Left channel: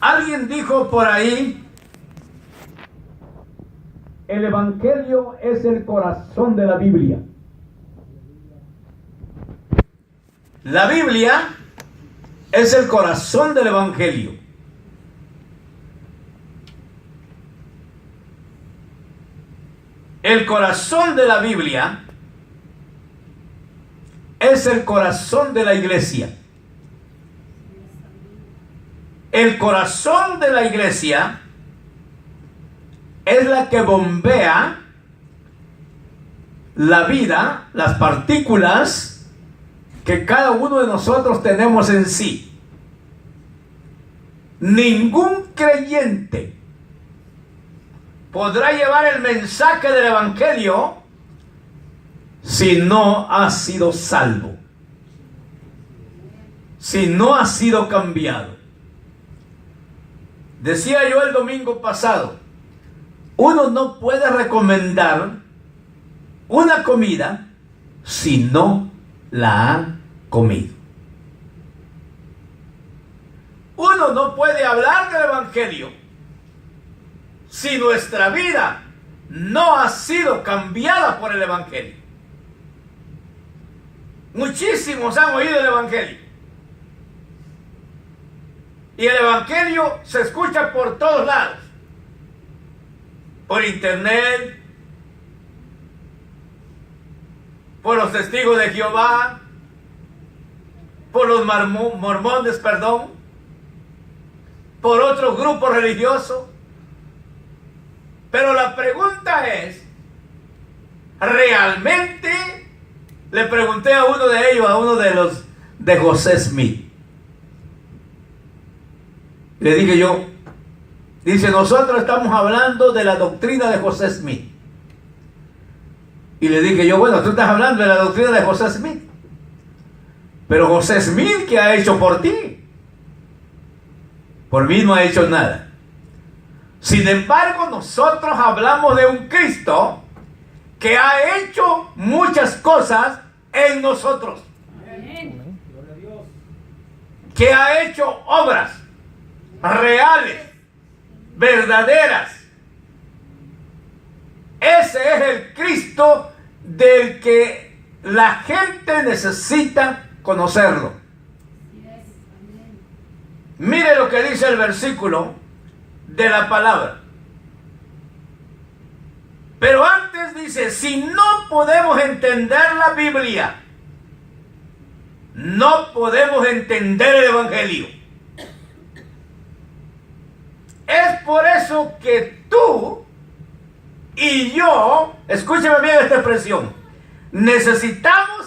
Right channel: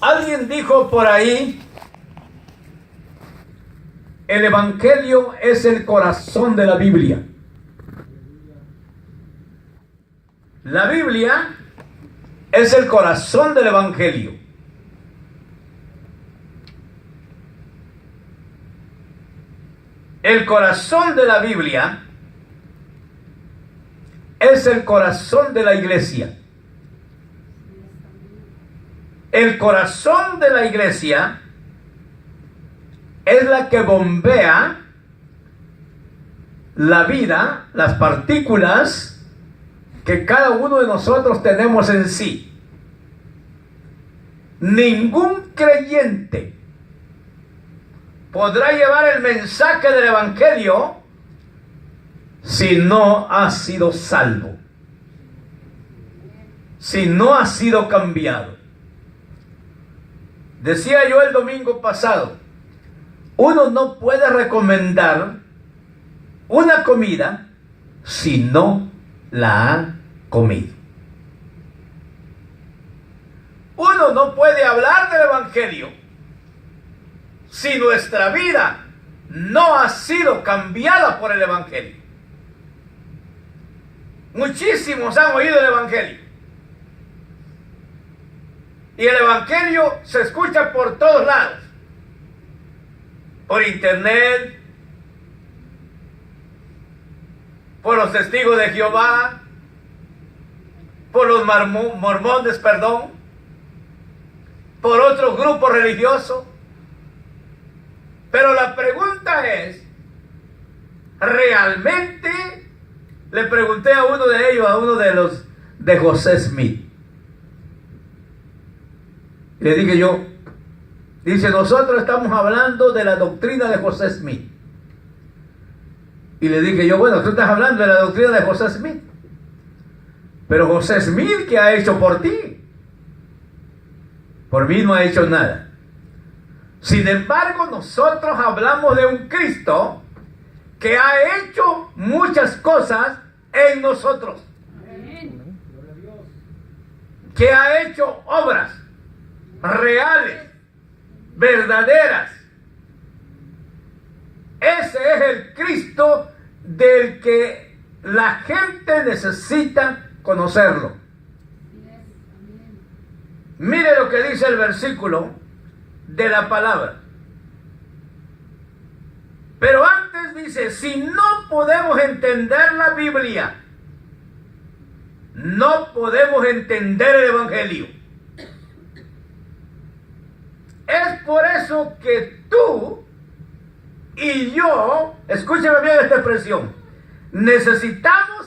Alguien dijo por ahí, el Evangelio es el corazón de la Biblia. La Biblia es el corazón del Evangelio. El corazón de la Biblia es el corazón de la iglesia. El corazón de la iglesia es la que bombea la vida, las partículas que cada uno de nosotros tenemos en sí. Ningún creyente podrá llevar el mensaje del Evangelio si no ha sido salvo, si no ha sido cambiado. Decía yo el domingo pasado, uno no puede recomendar una comida si no la ha comido. Uno no puede hablar del Evangelio si nuestra vida no ha sido cambiada por el Evangelio. Muchísimos han oído el Evangelio. Y el Evangelio se escucha por todos lados. Por internet, por los testigos de Jehová, por los mormones, por otros grupos religiosos. Pero la pregunta es, ¿realmente? Le pregunté a uno de ellos, a uno de los de José Smith. Le dije yo, dice, nosotros estamos hablando de la doctrina de José Smith. Y le dije yo, bueno, tú estás hablando de la doctrina de José Smith. Pero José Smith, ¿qué ha hecho por ti? Por mí no ha hecho nada. Sin embargo, nosotros hablamos de un Cristo que ha hecho muchas cosas en nosotros. Amén. Que ha hecho obras reales, verdaderas. Ese es el Cristo del que la gente necesita conocerlo. Mire lo que dice el versículo de la palabra. Pero antes dice, si no podemos entender la Biblia, no podemos entender el Evangelio. Es por eso que tú y yo, escúcheme bien esta expresión, necesitamos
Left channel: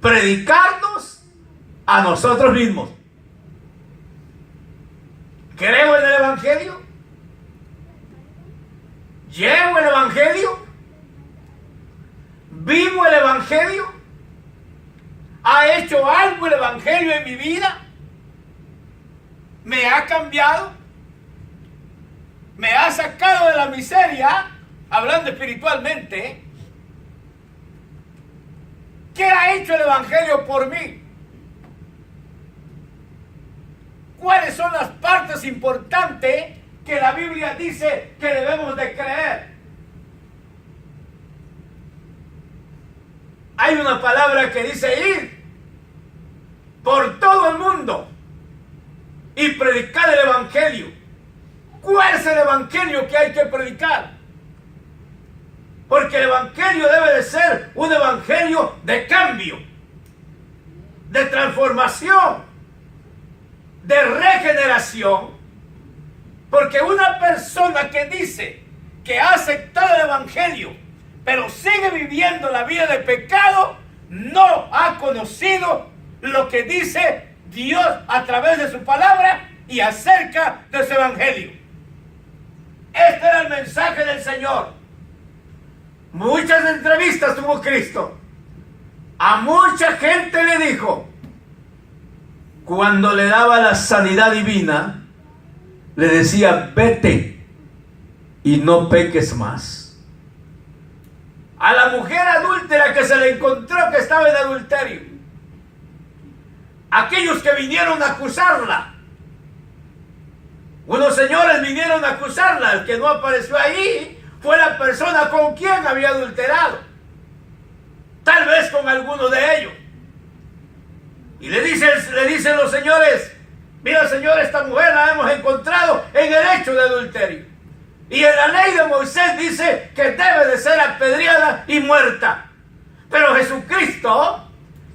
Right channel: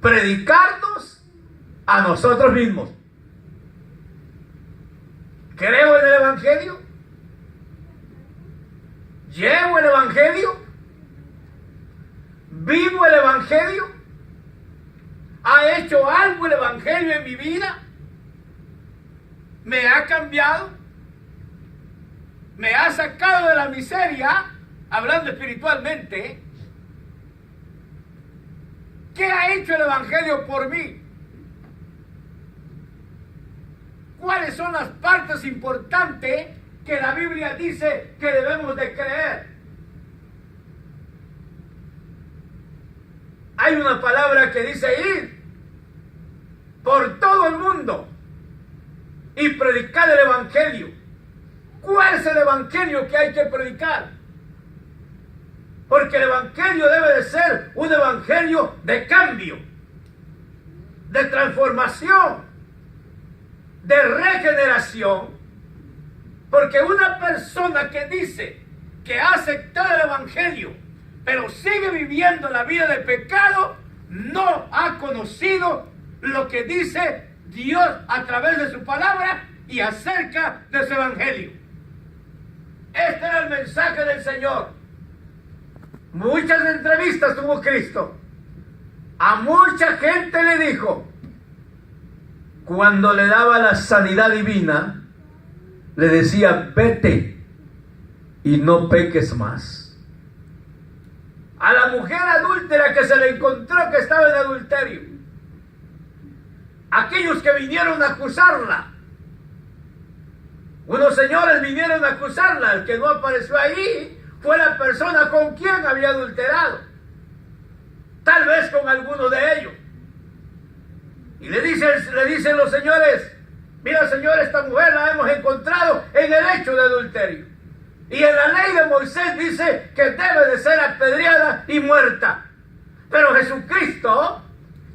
predicarnos a nosotros mismos. ¿Creo en el Evangelio? ¿Llevo el Evangelio? ¿Vivo el Evangelio? ¿Ha hecho algo el Evangelio en mi vida? ¿Me ha cambiado? ¿Me ha sacado de la miseria? Hablando espiritualmente. ¿Qué ha hecho el Evangelio por mí? ¿Cuáles son las partes importantes que la Biblia dice que debemos de creer? Hay una palabra que dice ir por todo el mundo y predicar el Evangelio. ¿Cuál es el Evangelio que hay que predicar? Porque el Evangelio debe de ser un Evangelio de cambio, de transformación, de regeneración. Porque una persona que dice que ha aceptado el Evangelio, pero sigue viviendo la vida de pecado, no ha conocido lo que dice Dios a través de su palabra y acerca de su Evangelio. Este era el mensaje del Señor. Muchas entrevistas tuvo Cristo. A mucha gente le dijo, cuando le daba la sanidad divina, le decía, vete y no peques más. A la mujer adúltera que se le encontró que estaba en adulterio, aquellos que vinieron a acusarla, Unos señores vinieron a acusarla. El que no apareció ahí fue la persona con quien había adulterado. Tal vez con alguno de ellos. Y le dicen los señores: mira, señor, esta mujer la hemos encontrado en el hecho de adulterio. Y en la ley de Moisés dice que debe de ser apedreada y muerta. Pero Jesucristo,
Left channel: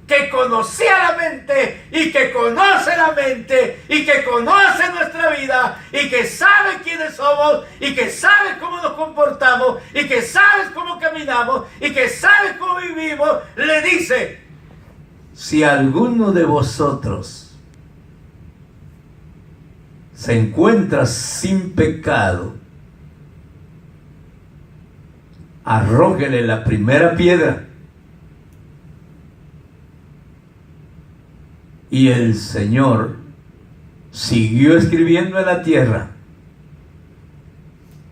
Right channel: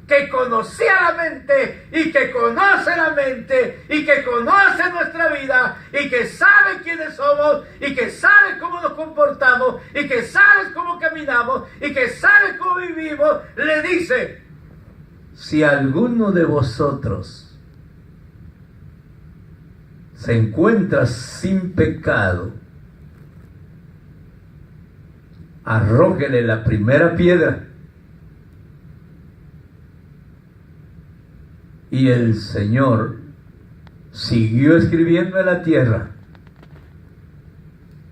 que conocía la mente y que conoce la mente y que conoce nuestra vida y que sabe quiénes somos y que sabe cómo nos comportamos y que sabe cómo caminamos y que sabe cómo vivimos, le dice: si alguno de vosotros se encuentra sin pecado, arrójele la primera piedra. Y el Señor siguió escribiendo en la tierra.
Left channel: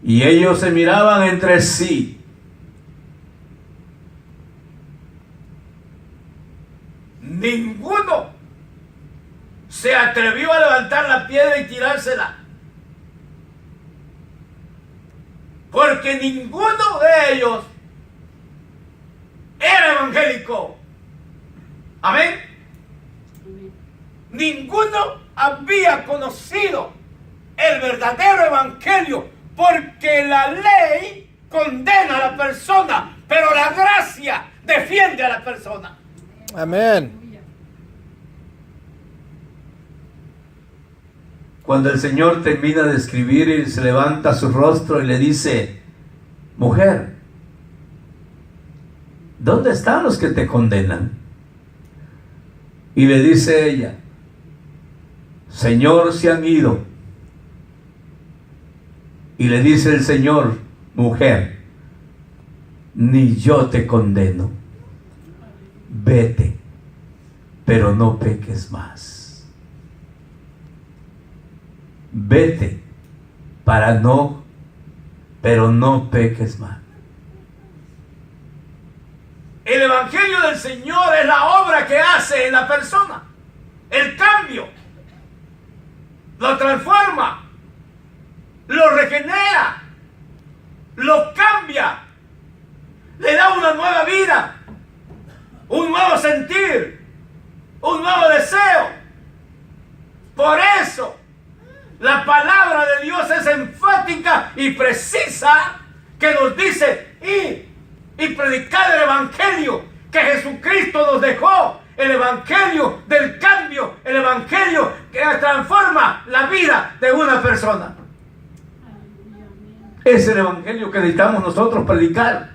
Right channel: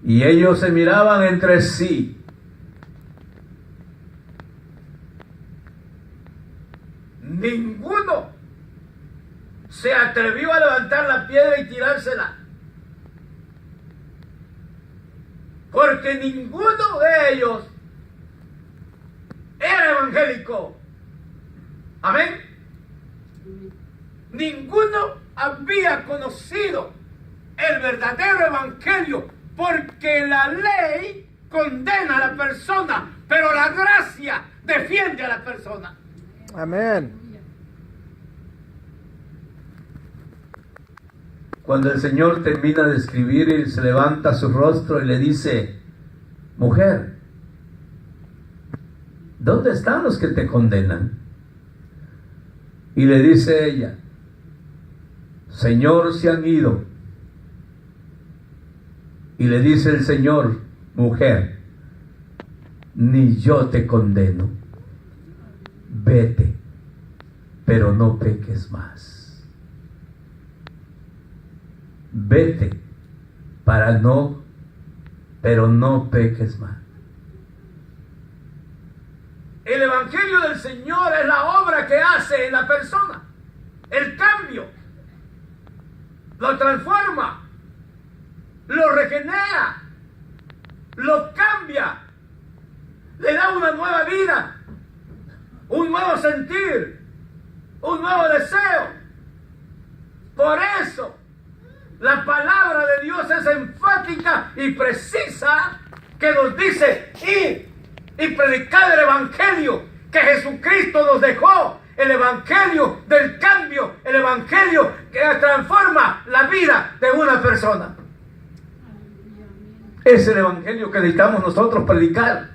Y ellos se miraban entre sí. Ninguno se atrevió a levantar la piedra y tirársela. Porque ninguno de ellos era evangélico. Amén. Ninguno había conocido el verdadero evangelio, porque la ley condena a la persona, pero la gracia defiende a la persona. Amén. Cuando el Señor termina de escribir, y se levanta su rostro y le dice: mujer, ¿dónde están los que te condenan? Y le dice ella: Señor, se han ido. Y le dice el Señor: mujer, ni yo te condeno. Vete, pero no peques más. Vete, pero no peques más. El evangelio del Señor es la obra que hace en la persona. El cambio. Lo transforma, lo regenera, lo cambia, le da una nueva vida, un nuevo sentir, un nuevo deseo. Por eso la palabra de Dios es enfática y precisa, que nos dice: ir y predicar el evangelio que Jesucristo nos dejó. El evangelio del cambio, el evangelio que transforma la vida de una persona. Es el evangelio que necesitamos nosotros predicar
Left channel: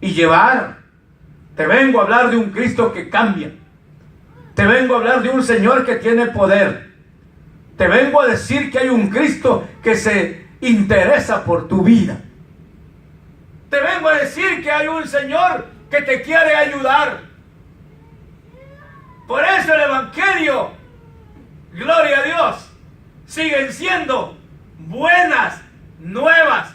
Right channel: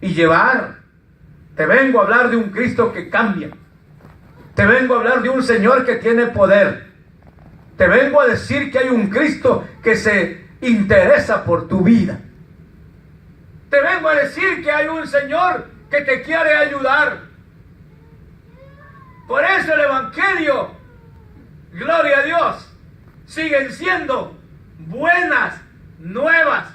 y llevar. Te vengo a hablar de un Cristo que cambia. Te vengo a hablar de un Señor que tiene poder. Te vengo a decir que hay un Cristo que se interesa por tu vida. Te vengo a decir que hay un Señor que te quiere ayudar. Por eso el evangelio, gloria a Dios, siguen siendo buenas nuevas,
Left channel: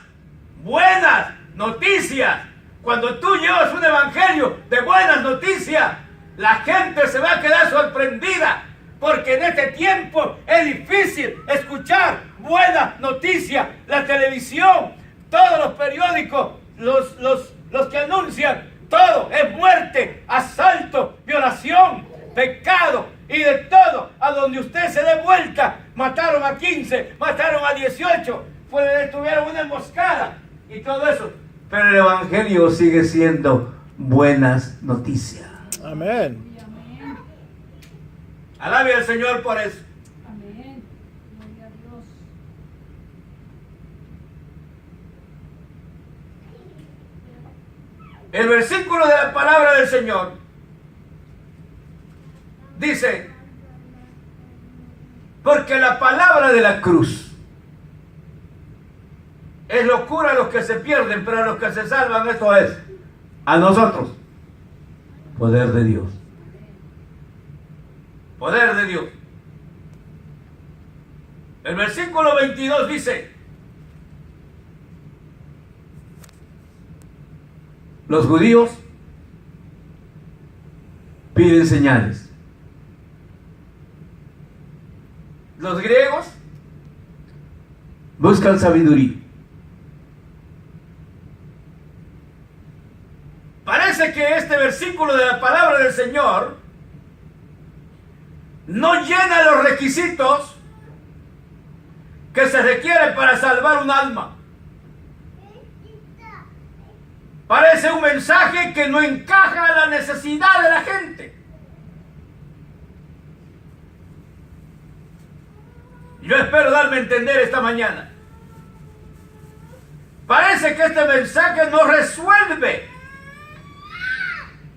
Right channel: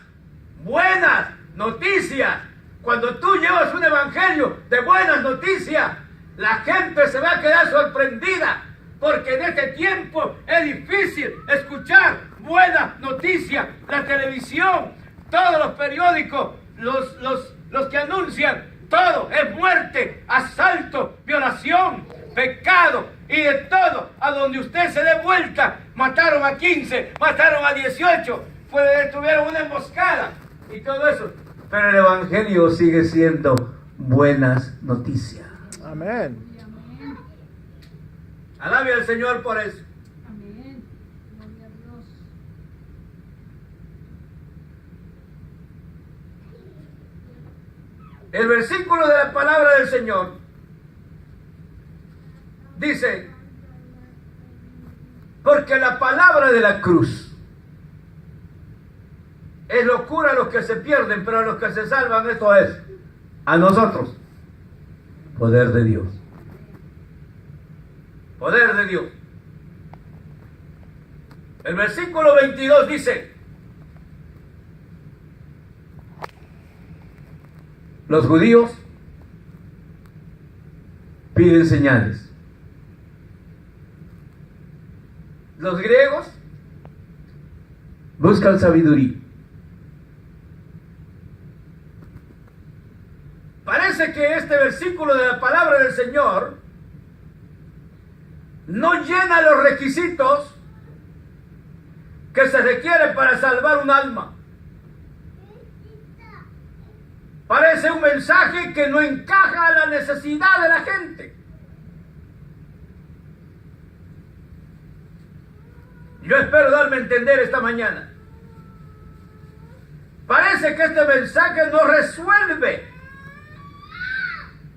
buenas noticias. Cuando tú llevas un evangelio de buenas noticias, la gente se va a quedar sorprendida, porque en este tiempo es difícil escuchar buenas noticias. La televisión, todos los periódicos, los que anuncian, todo es muerte, asalto, violación, pecado y de todo. A donde usted se dé vuelta, mataron a 15, mataron a 18, tuvieron una emboscada y todo eso. Pero el evangelio sigue siendo buenas noticias. Amén. Alabe al Señor por eso. Amén. Gloria a Dios. El versículo de la palabra del Señor dice: porque la palabra de la cruz es locura a los que se pierden, pero a los que se salvan, esto es, a nosotros, poder de Dios. Poder de Dios. El versículo 22 dice: los judíos piden señales. Los griegos buscan sabiduría. Parece que este versículo de la palabra del Señor no llena los requisitos que se requieren para salvar un alma. Parece un mensaje que no encaja a la necesidad de la gente. Yo espero darme a entender esta mañana. Parece que este mensaje no resuelve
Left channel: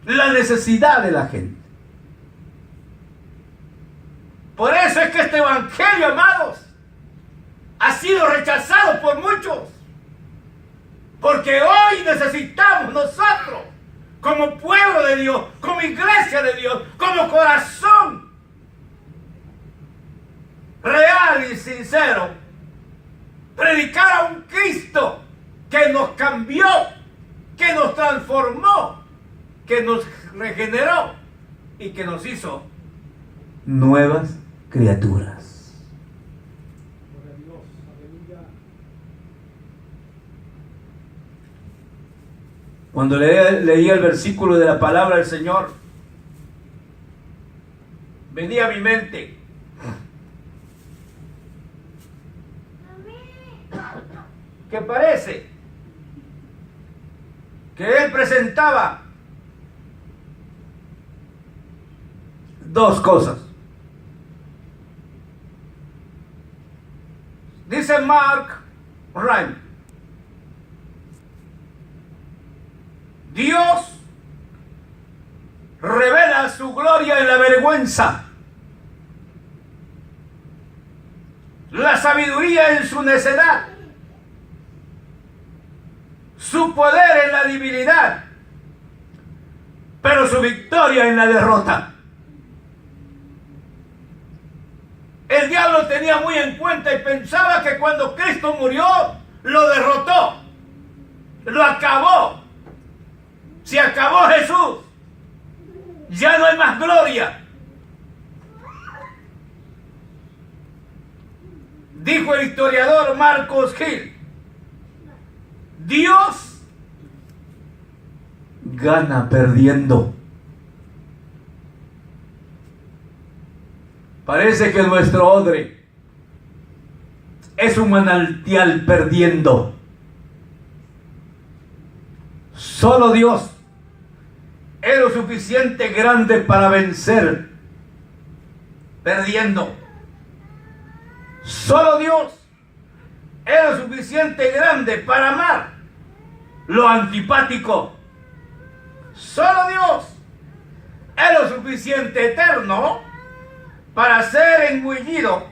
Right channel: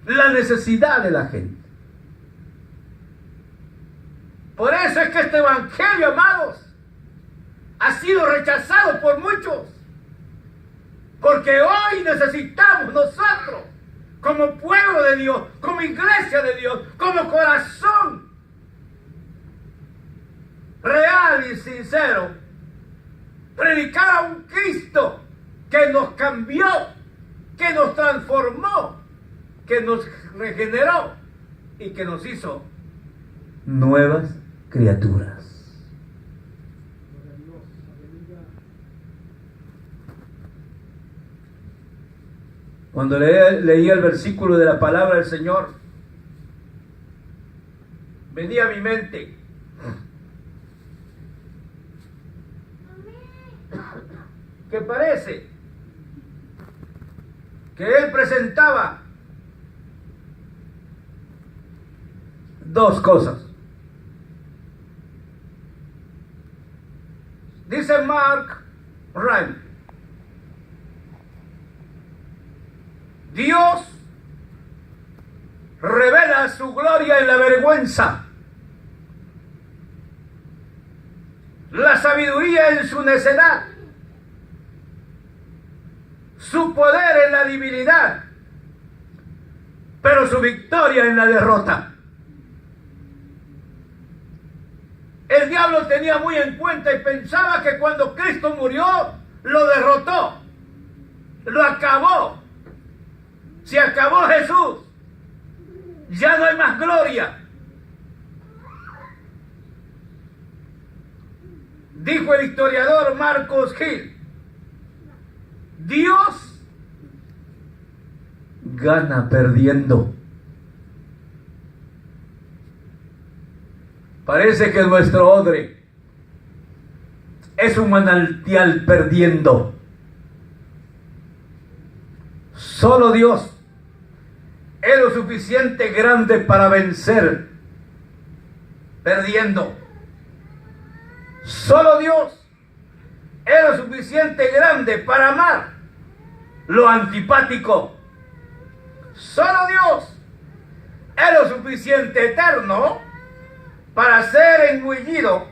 la necesidad de la gente. Por eso es que este evangelio, amados, ha sido rechazado por muchos. Porque hoy necesitamos nosotros, como pueblo de Dios, como iglesia de Dios, como corazón real y sincero, predicar a un Cristo que nos cambió, que nos transformó, que nos regeneró y que nos hizo nuevas criaturas. Cuando leía el versículo de la palabra del Señor, venía a mi mente que parece que Él presentaba dos cosas. Dice Mark Ryan: Dios revela su gloria en la vergüenza, la sabiduría en su necedad, su poder en la debilidad, pero su victoria en la derrota. El diablo tenía muy en cuenta y pensaba que cuando Cristo murió, lo derrotó, lo acabó. Se acabó Jesús, ya no hay más gloria. Dijo el historiador Marcos Hill: Dios gana perdiendo. Parece que nuestro odre es un manantial perdiendo. Solo Dios es lo suficiente grande para vencer perdiendo. Solo Dios es lo suficiente grande para amar lo antipático. Solo Dios es lo suficiente eterno para ser engullido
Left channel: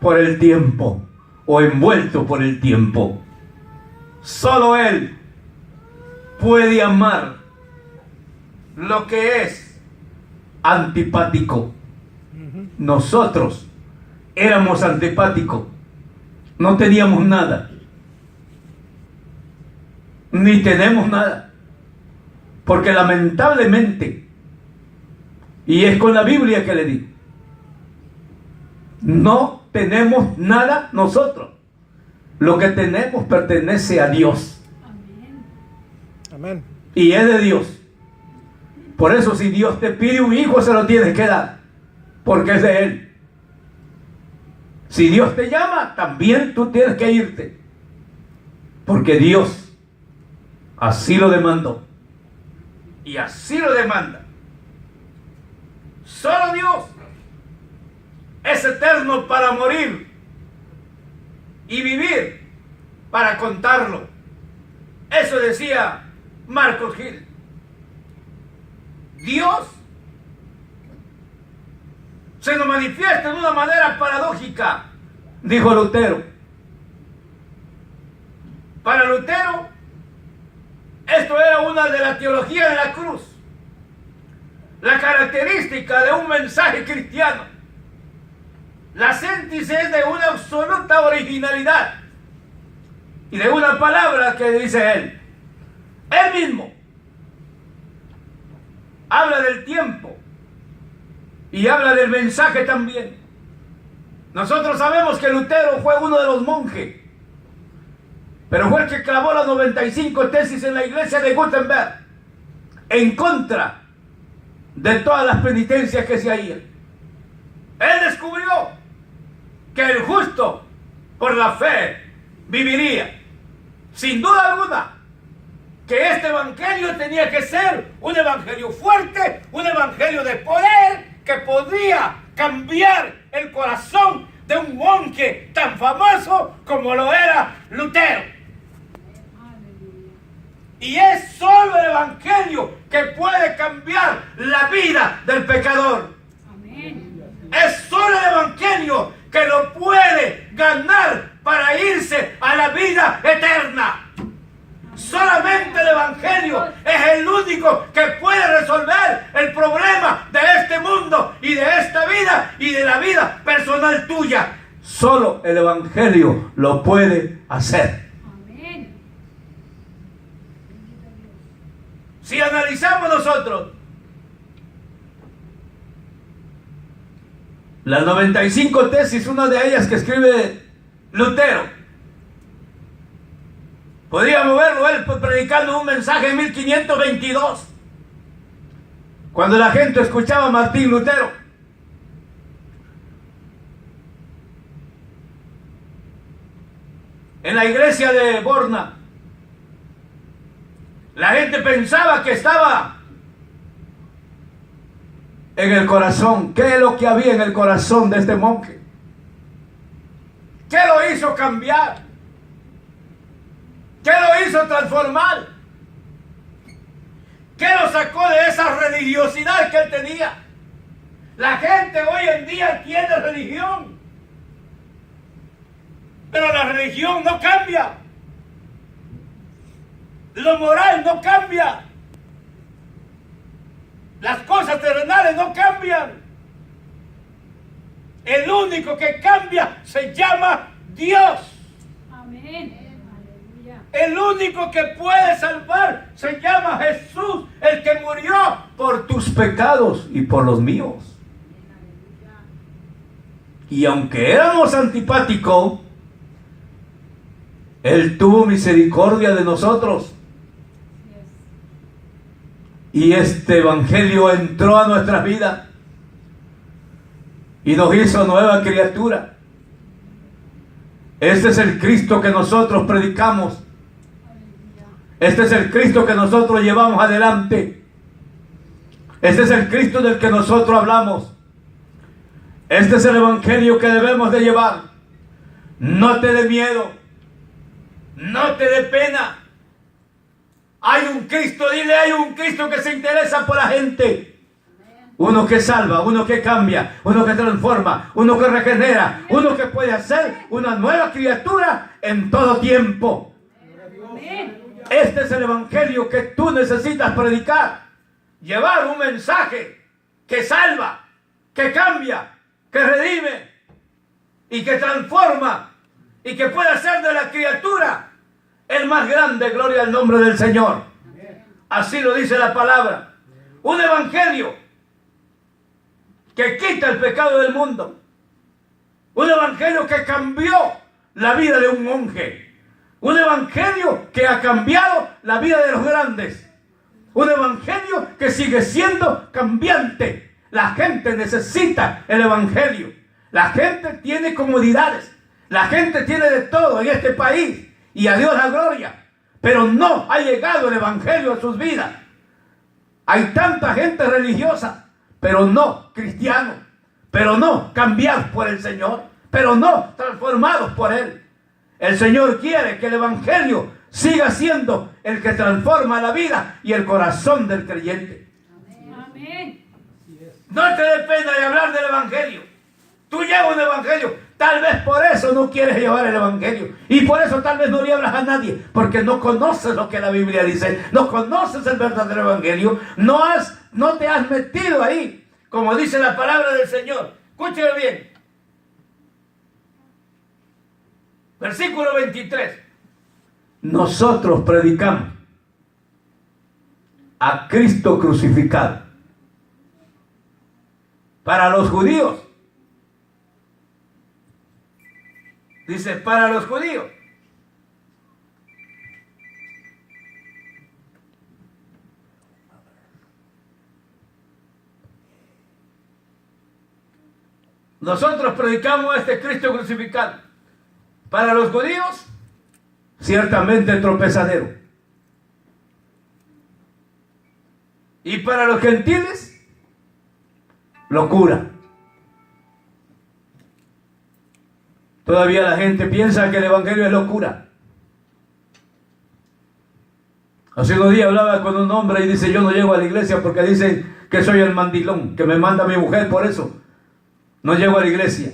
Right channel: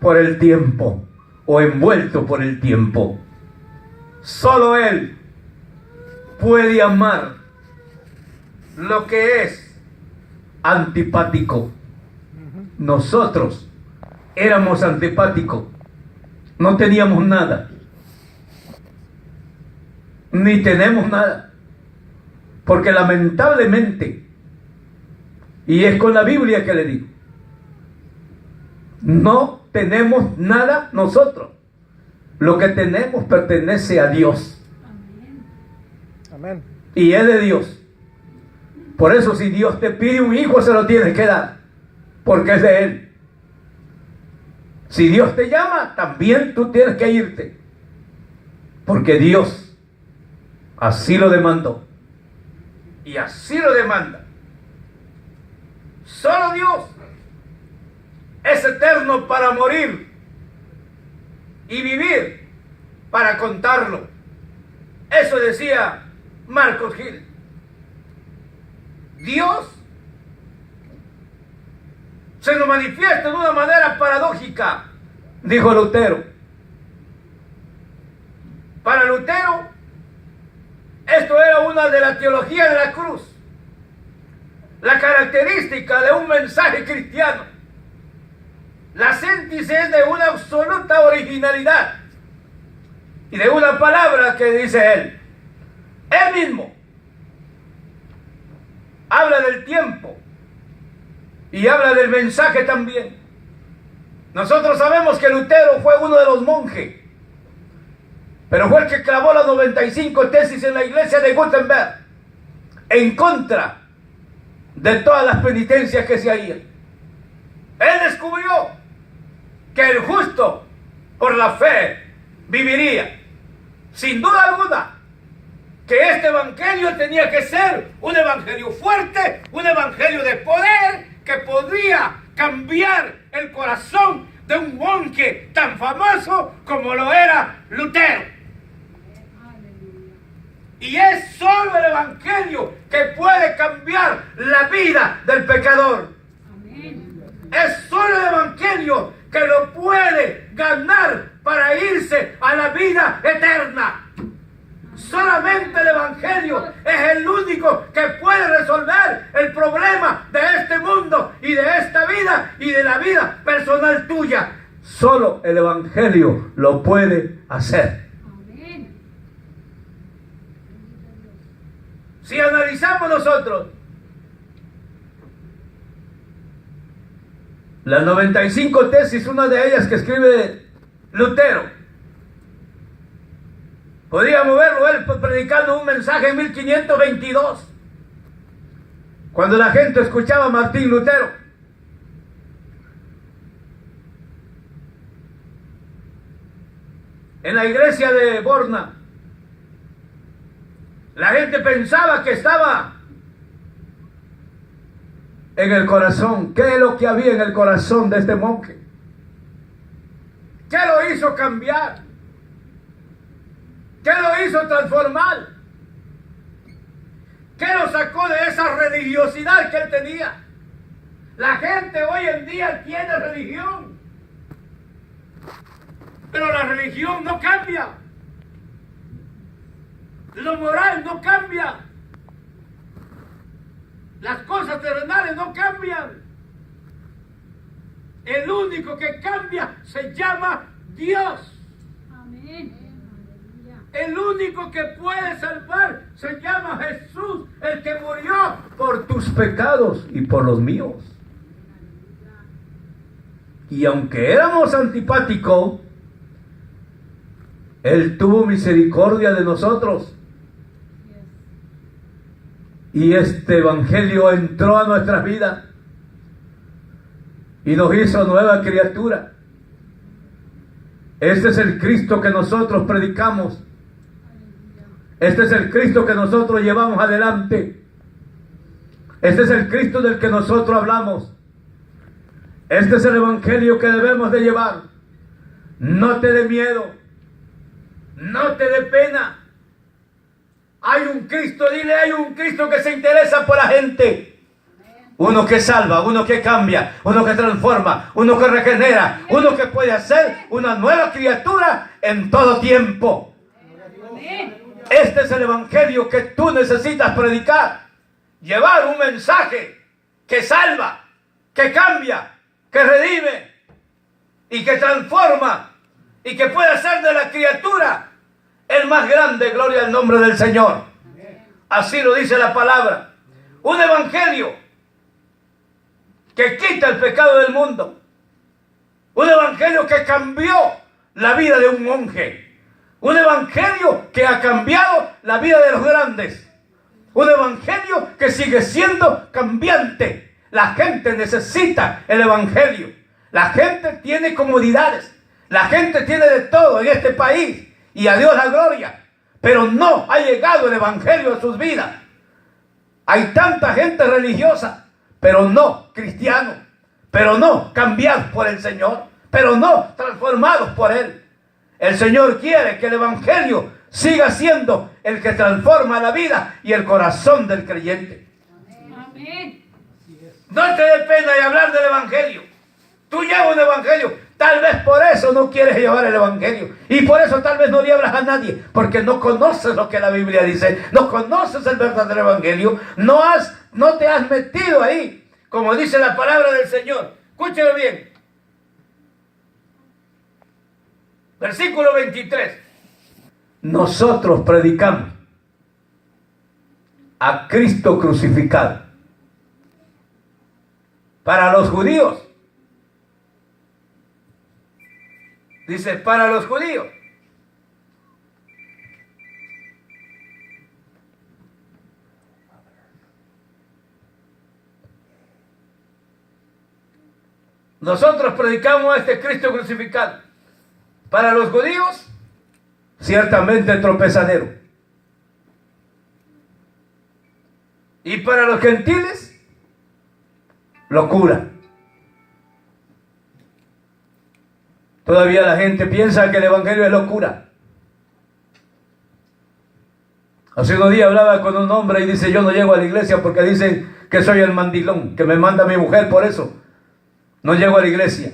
por el tiempo o envuelto por el tiempo. Solo Él puede amar lo que es antipático. Nosotros éramos antipáticos, no teníamos nada, ni tenemos nada, porque lamentablemente, y es con la Biblia que le digo, no tenemos nada nosotros. Lo que tenemos pertenece a Dios. Amén. Y es de Dios. Por eso, si Dios te pide un hijo, se lo tienes que dar, porque es de Él. Si Dios te llama, también tú tienes que irte, porque Dios así lo demandó y así lo demanda. Solo Dios es eterno para morir y vivir para contarlo. Eso decía Marcos Gil. Dios se nos manifiesta de una manera paradójica, dijo Lutero. Para Lutero, esto era una de la teología de la cruz, la característica de un mensaje cristiano, la síntesis de una absoluta originalidad y de una palabra que dice él. Él mismo habla del tiempo y habla del mensaje también. Nosotros sabemos que Lutero fue uno de los monjes pero fue el que clavó las 95 tesis en la iglesia de Gutenberg en contra de todas las penitencias que se hacían. Él descubrió que el justo por la fe viviría. Sin duda alguna que este evangelio tenía que ser un evangelio fuerte, un evangelio de poder que podría cambiar el corazón de un monje tan famoso como lo era Lutero. Y es solo el evangelio que puede cambiar la vida del pecador. Es solo el evangelio que lo puede ganar para irse a la vida eterna. Solamente el evangelio es el único que puede resolver el problema de este mundo y de esta vida y de la vida personal tuya. Solo el evangelio lo puede hacer. Amén. Si analizamos nosotros las 95 tesis, una de ellas que escribe Lutero, podríamos verlo él predicando un mensaje en 1522, cuando la gente escuchaba a Martín Lutero. En la iglesia de Borna, la gente pensaba que estaba en el corazón. ¿Qué es lo que había en el corazón de este monje? ¿Qué lo hizo cambiar? ¿Qué lo hizo transformar? ¿Qué lo sacó de esa religiosidad que él tenía? La gente hoy en día tiene religión, pero la religión no cambia. Lo moral no cambia. Las cosas terrenales no cambian. El único que cambia se llama Dios. Amén. El único que puede salvar se llama Jesús, el que murió por tus pecados y por los míos. Y aunque éramos antipáticos, Él tuvo misericordia de nosotros. Y este evangelio entró a nuestras vidas y nos hizo nueva criatura. Este es el Cristo que nosotros predicamos. Este es el Cristo que nosotros llevamos adelante. Este es el Cristo del que nosotros hablamos. Este es el evangelio que debemos de llevar. No te dé miedo, no te dé pena. Hay un Cristo, dile, hay un Cristo que se interesa por la gente. Uno que salva, uno que cambia, uno que transforma, uno que regenera, uno que puede hacer una nueva criatura en todo tiempo. Este es el evangelio que tú necesitas predicar. Llevar un mensaje que salva, que cambia, que redime y que transforma y que puede hacer de la criatura el más grande. Gloria al nombre del Señor. Así lo dice la palabra. Un evangelio que quita el pecado del mundo. Un evangelio que cambió la vida de un monje. Un evangelio que ha cambiado la vida de los grandes. Un evangelio que sigue siendo cambiante. La gente necesita el evangelio. La gente tiene comodidades. La gente tiene de todo en este país. Y a Dios la gloria. Pero no ha llegado el evangelio a sus vidas. Hay tanta gente religiosa, pero no cristianos. Pero no cambiados por el Señor. Pero no transformados por Él. El Señor quiere que el evangelio siga siendo el que transforma la vida y el corazón del creyente. Amén. No te dé pena de hablar del evangelio. Tú llevas un evangelio. Tal vez por eso no quieres llevar el evangelio. Y por eso tal vez no le hablas a nadie. Porque no conoces lo que la Biblia dice. No conoces el verdadero evangelio. No te has metido ahí. Como dice la palabra del Señor. Escúcheme bien. Versículo 23. Nosotros predicamos a Cristo crucificado. Para los judíos. Dice, para los judíos. Nosotros predicamos a este Cristo crucificado. Para los judíos, ciertamente tropezadero. Y para los gentiles, locura. Todavía la gente piensa que el evangelio es locura. Hace unos días hablaba con un hombre y dice: yo no llego a la iglesia porque dicen que soy el mandilón, que me manda mi mujer, por eso no llego a la iglesia.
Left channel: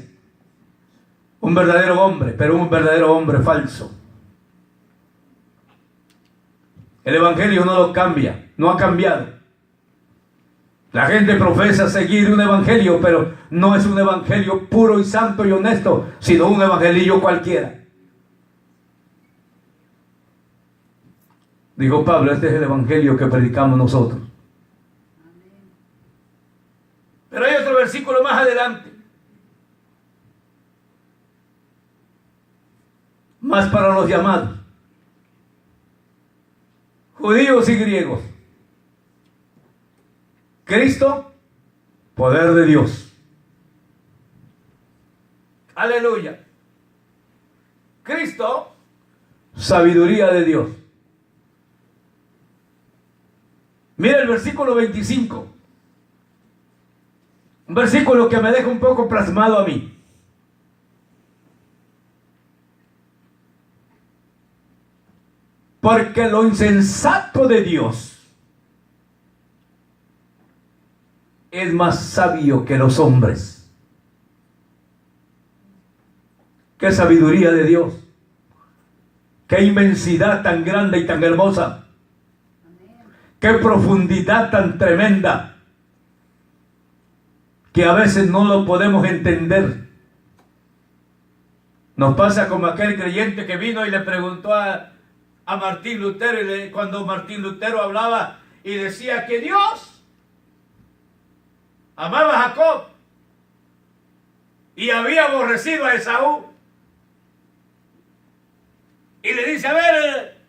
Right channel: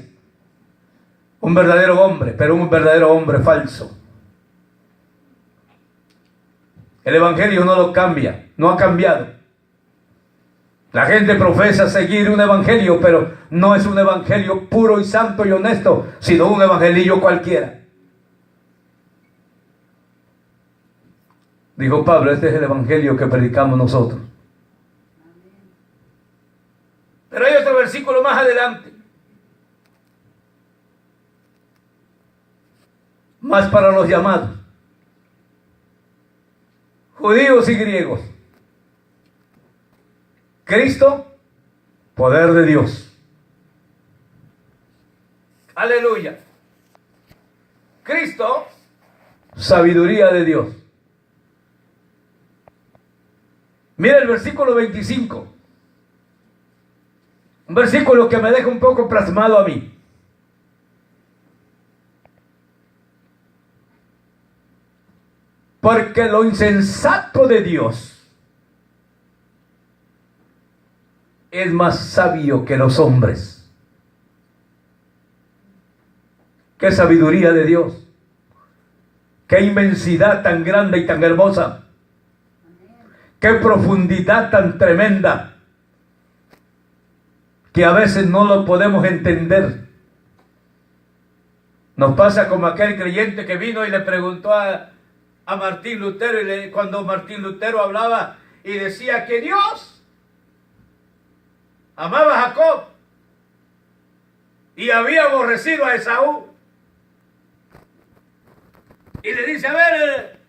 Un verdadero hombre, pero un verdadero hombre falso. El evangelio no lo cambia, no ha cambiado. La gente profesa seguir un evangelio, pero no es un evangelio puro y santo y honesto, sino un evangelio cualquiera. Dijo Pablo: este es el evangelio que predicamos nosotros. Pero hay otro versículo más adelante, más para los llamados, judíos y griegos. Cristo, poder de Dios. Aleluya. Cristo, sabiduría de Dios. Mira el versículo 25. Un versículo que me deja un poco plasmado a mí. Porque lo insensato de Dios es más sabio que los hombres. Qué sabiduría de Dios. Qué inmensidad tan grande y tan hermosa. Qué profundidad tan tremenda, que a veces no lo podemos entender. Nos pasa como aquel creyente que vino y le preguntó a Martín Lutero, cuando Martín Lutero hablaba y decía que Dios amaba a Jacob y había aborrecido a Esaú. Y le dice: a ver,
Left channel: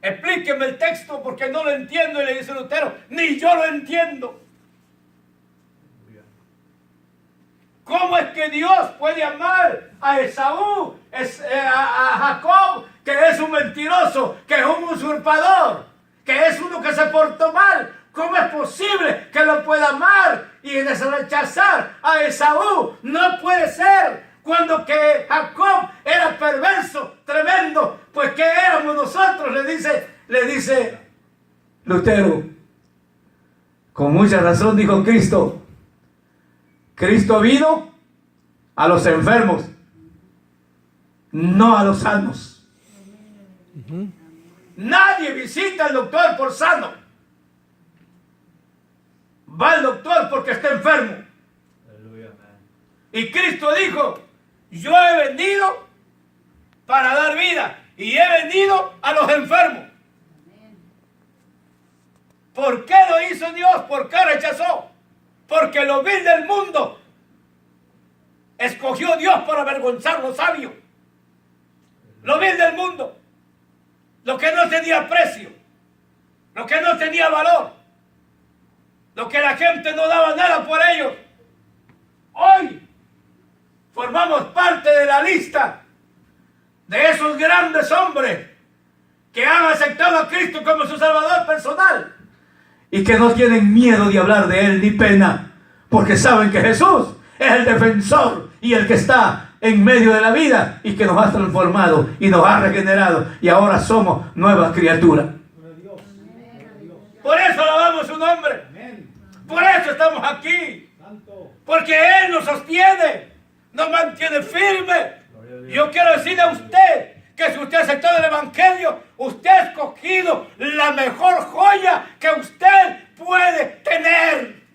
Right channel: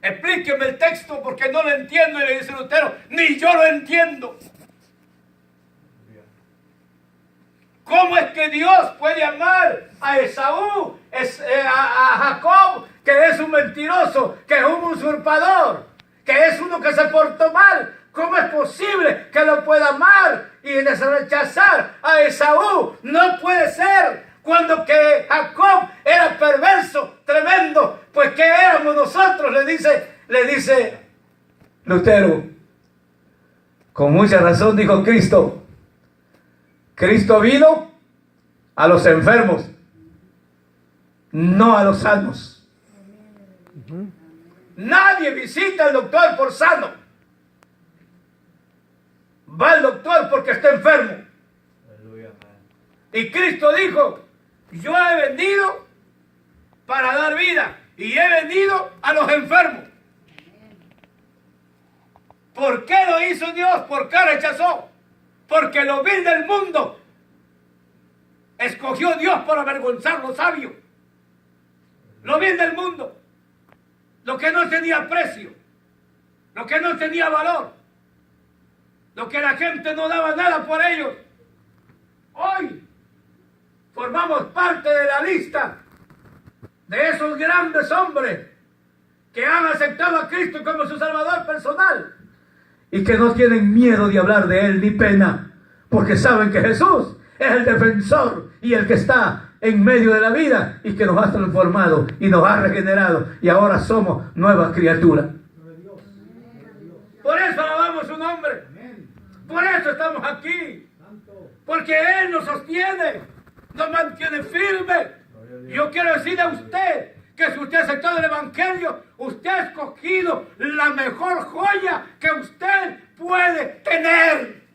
explíqueme el texto porque no lo entiendo. Y le dice Lutero: ni yo lo entiendo. ¿Cómo es que Dios puede amar a Esaú, a Jacob, que es un mentiroso, que es un usurpador, que es uno que se portó mal? ¿Cómo es posible que lo pueda amar y rechazar a Esaú? No puede ser, cuando que Jacob era perverso, tremendo. Pues ¿qué éramos nosotros? Le dice Lutero. Con mucha razón dijo Cristo. Cristo vino a los enfermos, no a los sanos. Nadie visita al doctor por sano. Va al doctor porque está enfermo. Y Cristo dijo: yo he venido para dar vida y he venido a los enfermos. ¿Por qué lo hizo Dios? ¿Por qué rechazó? Porque lo vil del mundo escogió Dios para avergonzar lo sabio. Lo vil del mundo, lo que no tenía precio, lo que no tenía valor, lo que la gente no daba nada por ellos. Hoy formamos parte de la lista de esos grandes hombres que han aceptado a Cristo como su Salvador personal y que no tienen miedo de hablar de Él ni pena, porque saben que Jesús es el defensor y el que está en medio de la vida y que nos ha transformado y nos ha regenerado y ahora somos nuevas criaturas. Por eso alabamos su nombre. Por eso estamos aquí. Porque Él nos sostiene, nos mantiene firmes. Yo quiero decirle a usted que si usted ha aceptado el Evangelio, usted ha escogido la mejor joya que usted puede tener.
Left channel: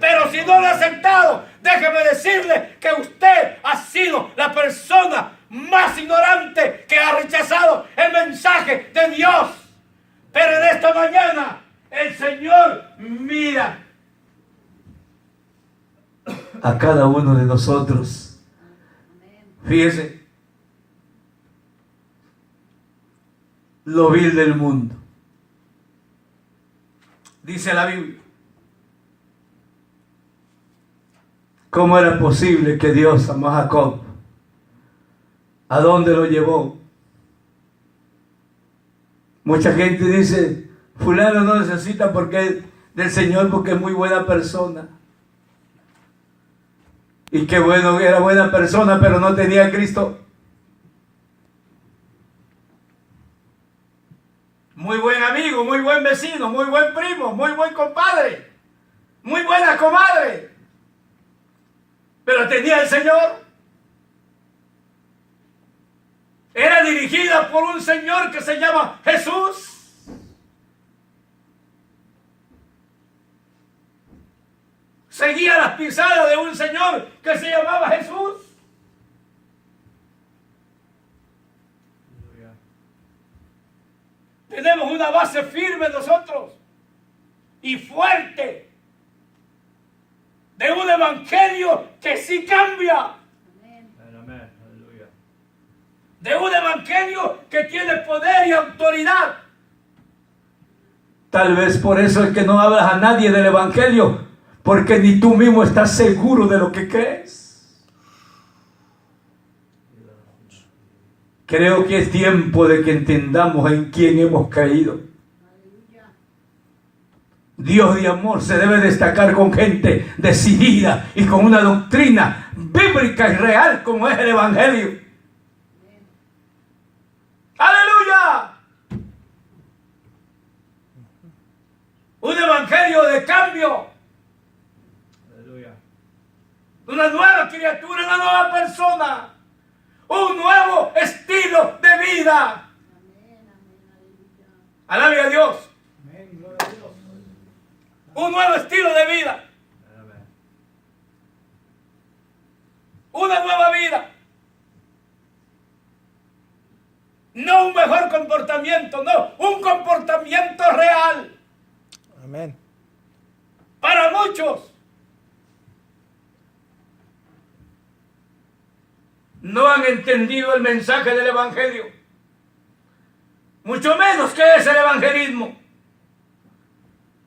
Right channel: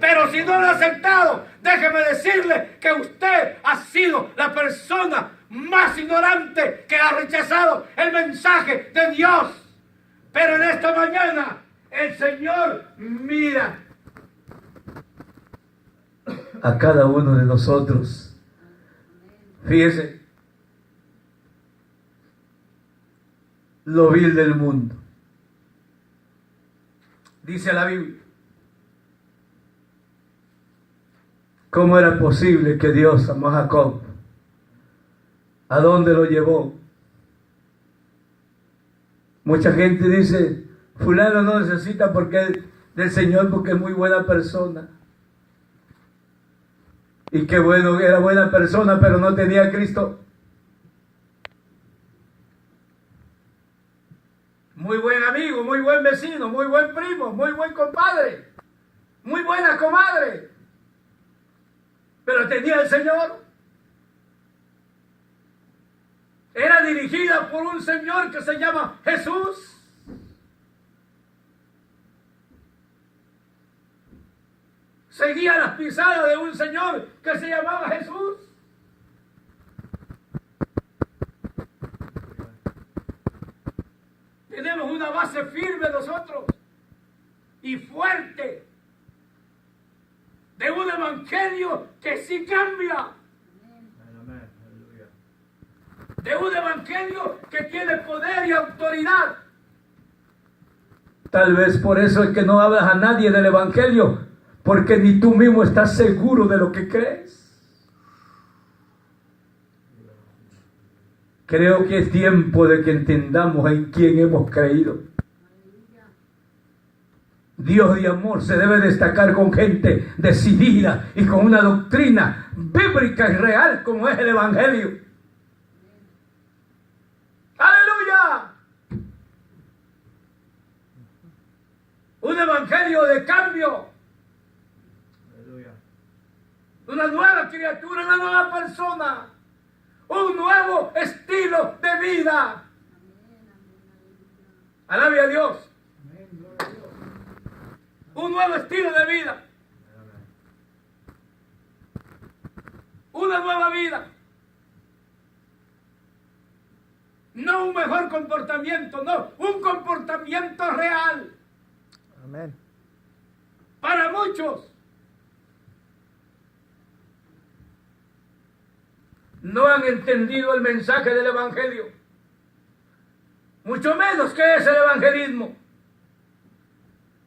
Pero si no lo ha aceptado, déjeme decirle que usted ha sido la persona más ignorante que ha rechazado el mensaje de Dios. Pero en esta mañana el Señor mira a cada uno de nosotros. Fíjese, lo vil del mundo. Dice la Biblia ¿Cómo era posible que Dios amó a Jacob? ¿A dónde lo llevó? Mucha gente dice, fulano no necesita del Señor porque es muy buena persona. Y qué bueno, era buena persona, pero no tenía a Cristo. Muy buen amigo, muy buen vecino, muy buen primo, muy buen compadre, muy buena comadre. Pero tenía el Señor. Era dirigida por un Señor que se llama Jesús. Seguía las pisadas de un Señor que se llamaba Jesús. Tenemos una base firme nosotros y fuerte de un evangelio que sí cambia. De un evangelio que tiene poder y autoridad. Tal vez por eso es que no hablas a nadie del evangelio, porque ni tú mismo estás seguro de lo que crees. Creo que es tiempo de que entendamos en quién hemos caído. Dios de amor se debe destacar con gente decidida y con una doctrina bíblica y real como es el evangelio. ¡Aleluya! Un evangelio de cambio. ¡Aleluya! Una nueva criatura, una nueva persona. Un nuevo estilo de vida. ¡Alabe a Dios! Un nuevo estilo de vida. Una nueva vida. No un mejor comportamiento, no, un comportamiento real. Amén. Para muchos no han entendido el mensaje del evangelio, mucho menos qué es el evangelismo.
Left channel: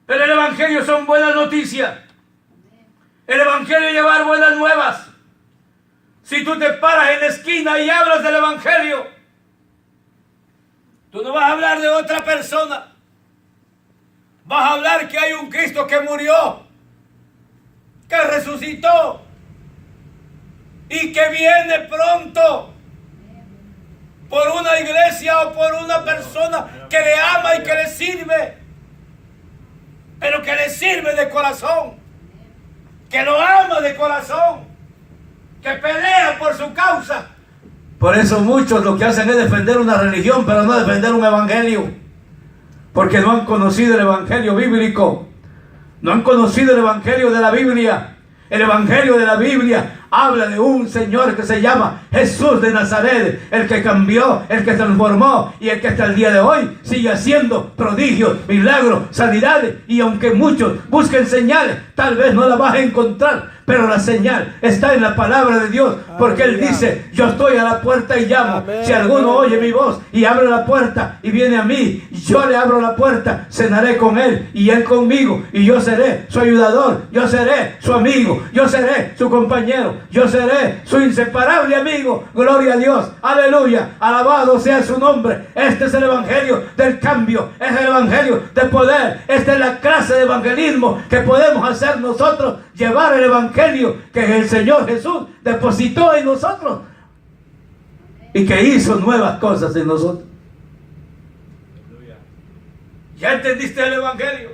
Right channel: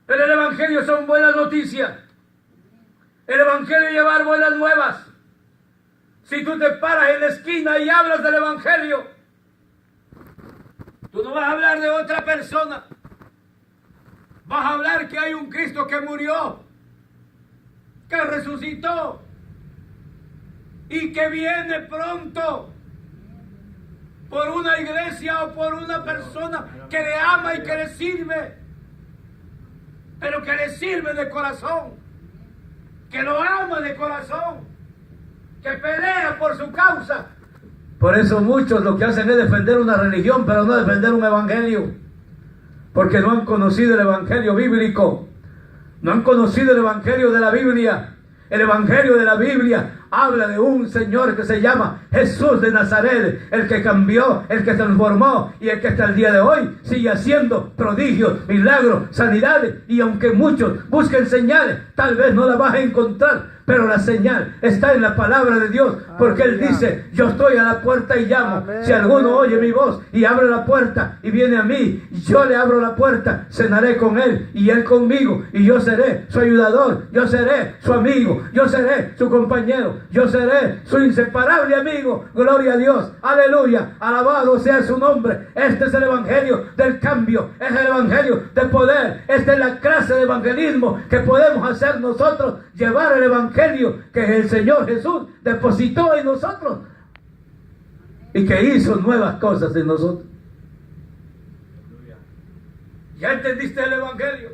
Pero el evangelio son buenas noticias. El evangelio es llevar buenas nuevas. Si tú te paras en la esquina y hablas del evangelio, tú no vas a hablar de otra persona. Vas a hablar que hay un Cristo que murió, que resucitó y que viene pronto por una iglesia o por una persona que le ama y que le sirve, pero que le sirve de corazón, que lo ama de corazón, que pelea por su causa. Por eso muchos lo que hacen es defender una religión, pero no defender un evangelio. Porque no han conocido el evangelio bíblico. No han conocido el evangelio de la Biblia. El evangelio de la Biblia habla de un Señor que se llama Jesús de Nazaret, el que cambió, el que transformó y el que hasta el día de hoy sigue haciendo prodigios, milagros, sanidades. Y aunque muchos busquen señales, tal vez no las vas a encontrar, pero la señal está en la palabra de Dios, porque Él dice: yo estoy a la puerta y llamo. Si alguno oye mi voz y abre la puerta y viene a mí, yo le abro la puerta, cenaré con Él y Él conmigo, y yo seré su ayudador, yo seré su amigo, yo seré su compañero, yo seré su inseparable amigo. Gloria a Dios, aleluya, alabado sea su nombre. Este es el evangelio del cambio, es el evangelio de poder. Esta es la clase de evangelismo que podemos hacer nosotros, llevar el evangelio que el Señor Jesús depositó en nosotros y que hizo nuevas cosas en nosotros. ¿Ya entendiste el evangelio?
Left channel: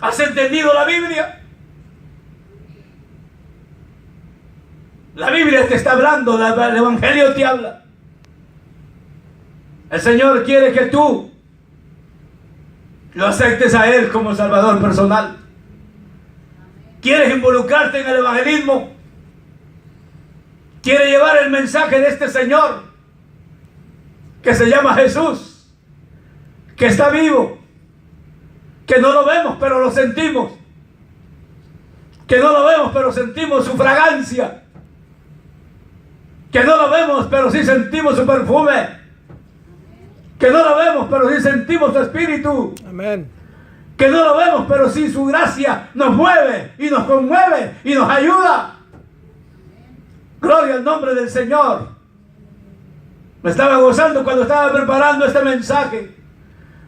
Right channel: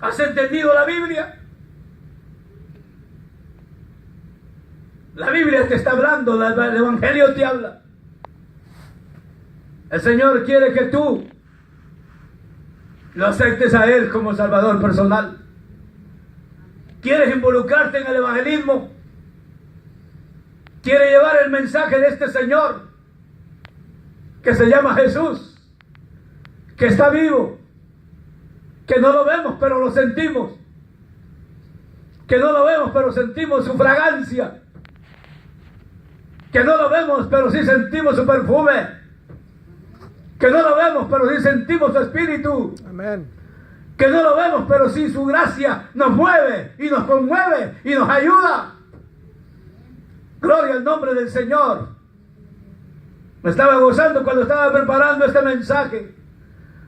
¿Has entendido la Biblia? La Biblia te está hablando, el evangelio te habla. El Señor quiere que tú lo aceptes a Él como Salvador personal. ¿Quieres involucrarte en el evangelismo? ¿Quieres llevar el mensaje de este Señor que se llama Jesús, que está vivo, que no lo vemos pero lo sentimos, que no lo vemos pero sentimos su fragancia, que no lo vemos pero sí sentimos su perfume, que no lo vemos pero sí sentimos su espíritu? Amén. que no lo vemos, pero sí su gracia nos mueve y nos conmueve y nos ayuda. Gloria al nombre del Señor. Me estaba gozando cuando estaba preparando este mensaje.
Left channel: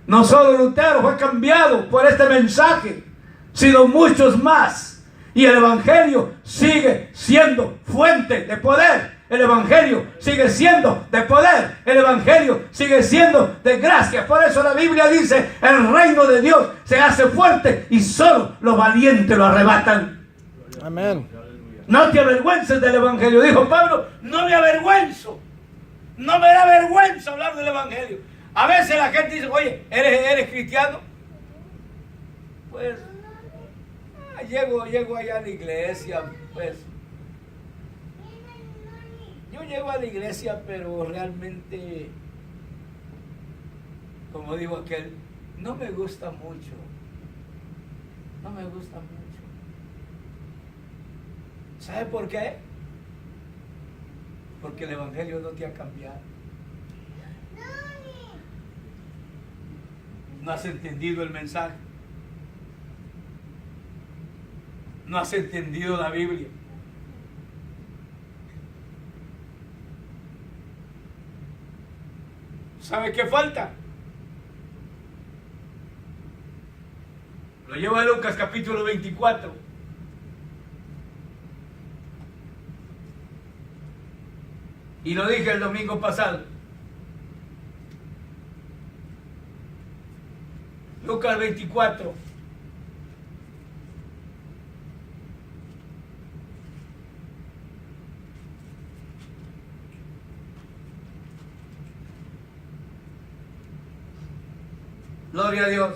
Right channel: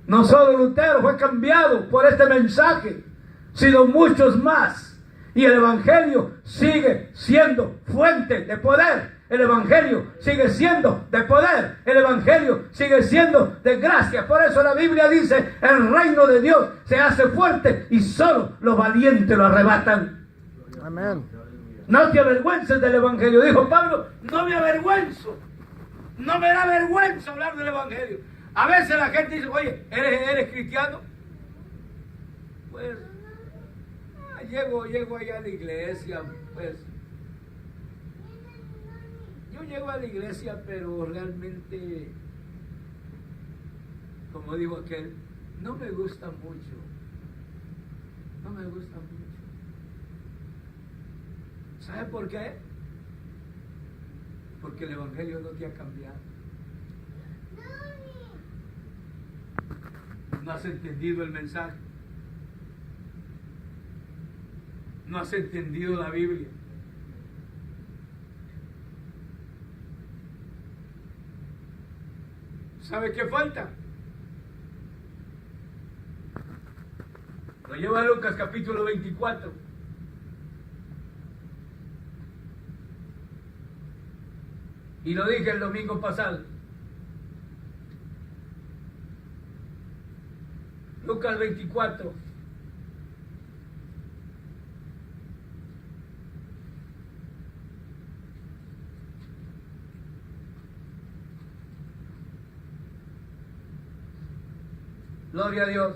No solo Lutero fue cambiado por este mensaje, sino muchos más. Y el Evangelio sigue siendo fuente de poder. El Evangelio sigue siendo de poder. El Evangelio sigue siendo de gracia. Por eso la Biblia dice, el reino de Dios se hace fuerte y solo los valientes lo arrebatan. Amén. No te avergüences del Evangelio. Dijo Pablo, no me avergüenzo. No me da vergüenza hablar del Evangelio. A veces la gente dice, oye, ¿eres cristiano? Pues, llego allá a la iglesia, pues. Yo llego a la iglesia, pero realmente, como digo aquel, no me gusta mucho. No me gusta mucho. ¿Sabe por qué? Porque el Evangelio no te ha cambiado. No has entendido el mensaje. No has entendido la Biblia. ¿Sabe qué falta? Lo lleva a Lucas capítulo 24. Y lo dije el domingo pasado. Lucas 24. Gloria a Dios.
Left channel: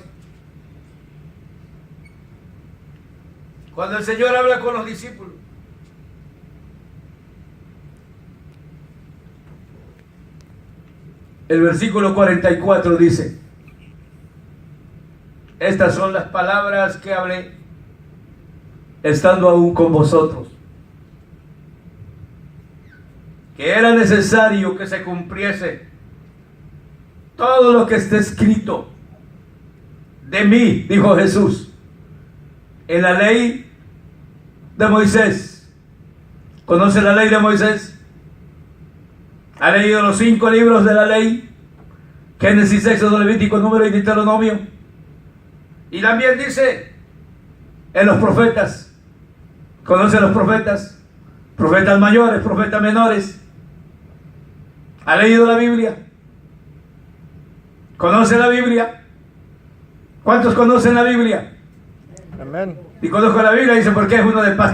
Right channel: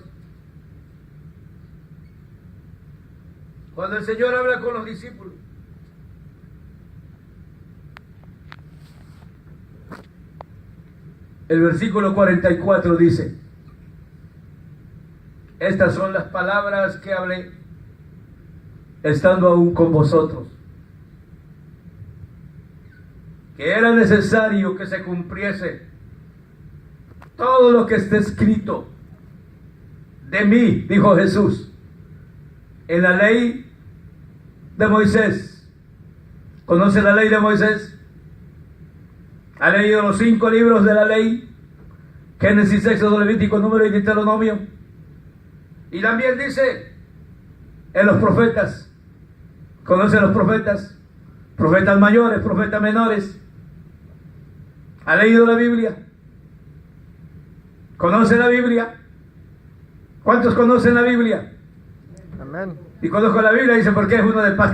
Cuando el Señor habla con los discípulos, el versículo 44 dice, estas son las palabras que hablé estando aún con vosotros, que era necesario que se cumpliese todo lo que está escrito de mí, dijo Jesús, en la ley de Moisés. ¿Conoce la ley de Moisés? ¿Ha leído los 5 libros de la ley? Génesis, Éxodo, Levítico, Número y Deuteronomio. Y también dice en los profetas. ¿Conoce los profetas? Profetas mayores, profetas menores. ¿Ha leído la Biblia? ¿Conoce la Biblia? ¿Cuántos conocen la Biblia? Amén. Y conozco la Biblia, dice, porque es uno de pasta.